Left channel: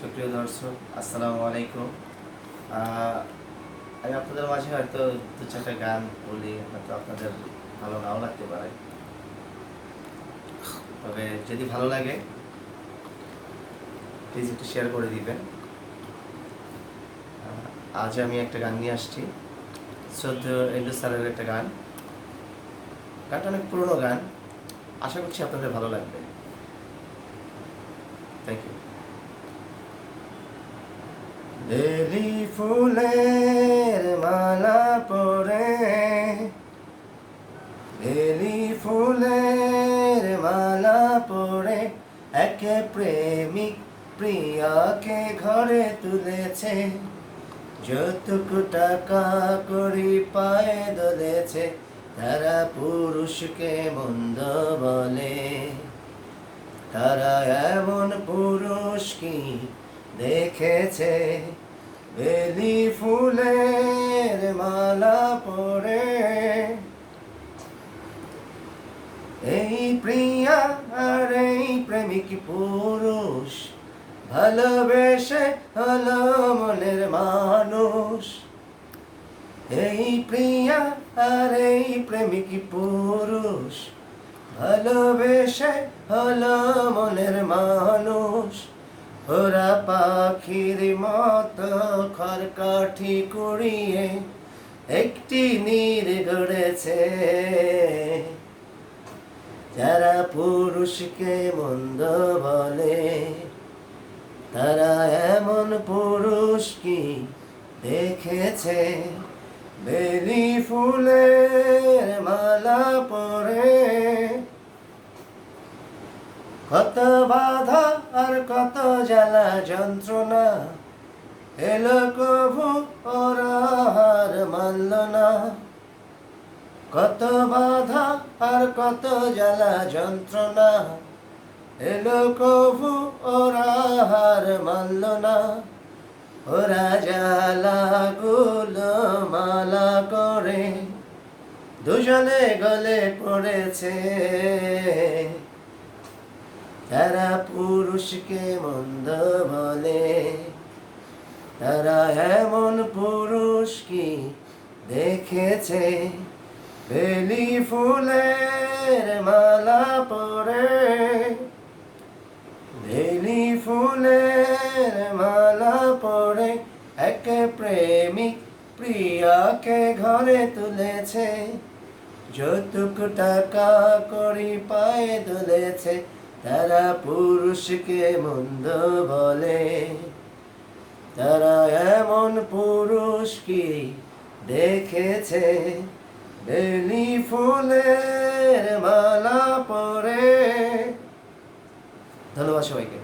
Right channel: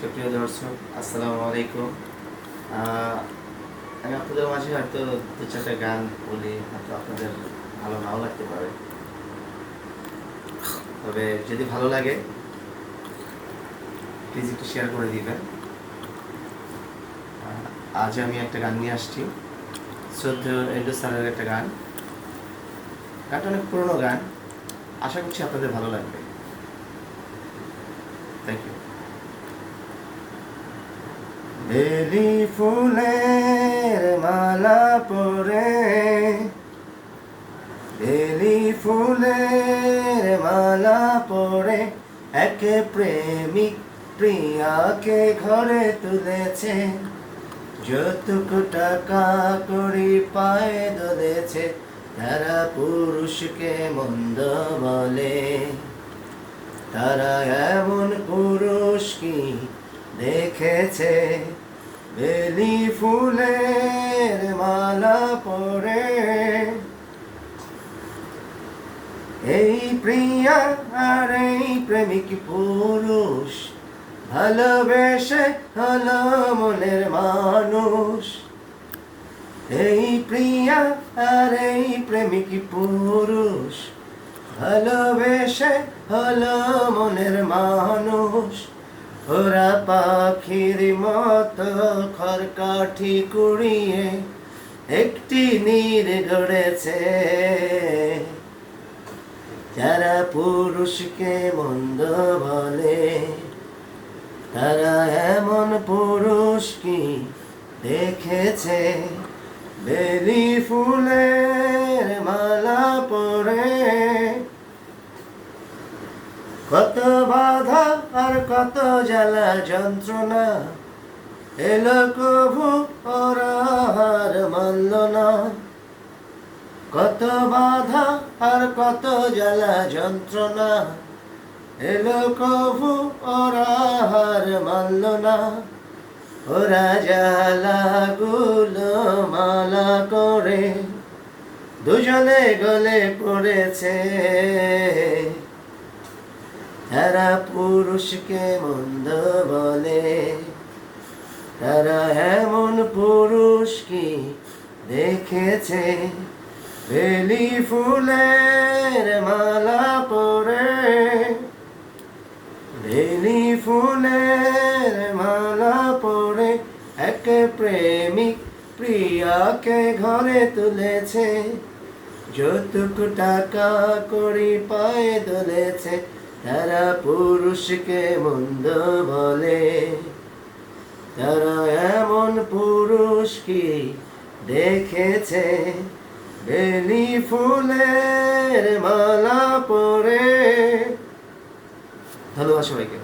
সুপ্রিয় দর্শক, আসসালামু আলাইকুম। আমি আপনাদের মাঝে হয়তো দু চারটা গান বলি, হয়তো আপনাদের ভালো নাও লাগতে পারে। তবে যদি ভালো লাগে প্লিজ একটু শেয়ার করে দিবেন। আজ আমি একটা গান নিয়ে আসছি, শ্রদ্ধেয় এন্ড্রু স্যারের একটা গান। গানটা অনেক পুরনো গান, আশা করছি আপনাদের ভালো লাগবে। Thank you. বেলি ফুলের মালা পরে, বেলি ফুলের মালা পরে এক প্রেমিক প্রিয়াকে ঘরে তুলেছে। যতটুকু টাকা করি পায়ে দলেছে, তারা পুরুষকে মন্দ বলে। তারা এমন পুরুষ কি দেখেছে? বেলি ফুলের মালা পরে এই প্রিয়া আর এই প্রেমিক পুরুষ ভালোবেসে হলো মনের মানুষ। এই প্রিয়া আর এই প্রেমিক পুরুষ ভালোবেসে হলো মনের মানুষ। ওরা পাখির মতো খড়কাঠি কুড়িয়ে একটি নীড় গড়েছে। যারা পুরুষকে মন্দ বলে, তারা এমন পুরুষ কি দেখেছে? বেলি ফুলের মালা পরে কত বাধা আর কত জ্বালা যন্ত্রণা, এলো কভু ওরা হার মানল না। কত বাধা আর কত জ্বালা যন্ত্রণা, এলো কভু ওরা হার মানল না। ওরা জ্বালাগুলো মালা করে দুজনে গলে পড়েছে। তারা পুরুষকে মন্দ বলে, তারা এমন পুরুষ কি দেখেছে? বেলি ফুলের মালা পরে, বেলি ফুলের মালা পরে এক প্রেমিক প্রিয়াকে ঘরে তুলেছে। যতটুকু টাকা করি পায়ে তুলেছে, তারা পুরুষকে মন্দ বলে। তারা এমন পুরুষ কি দেখেছে? বেলি ফুলের মালা পরে। ধন্যবাদ সবাইকে।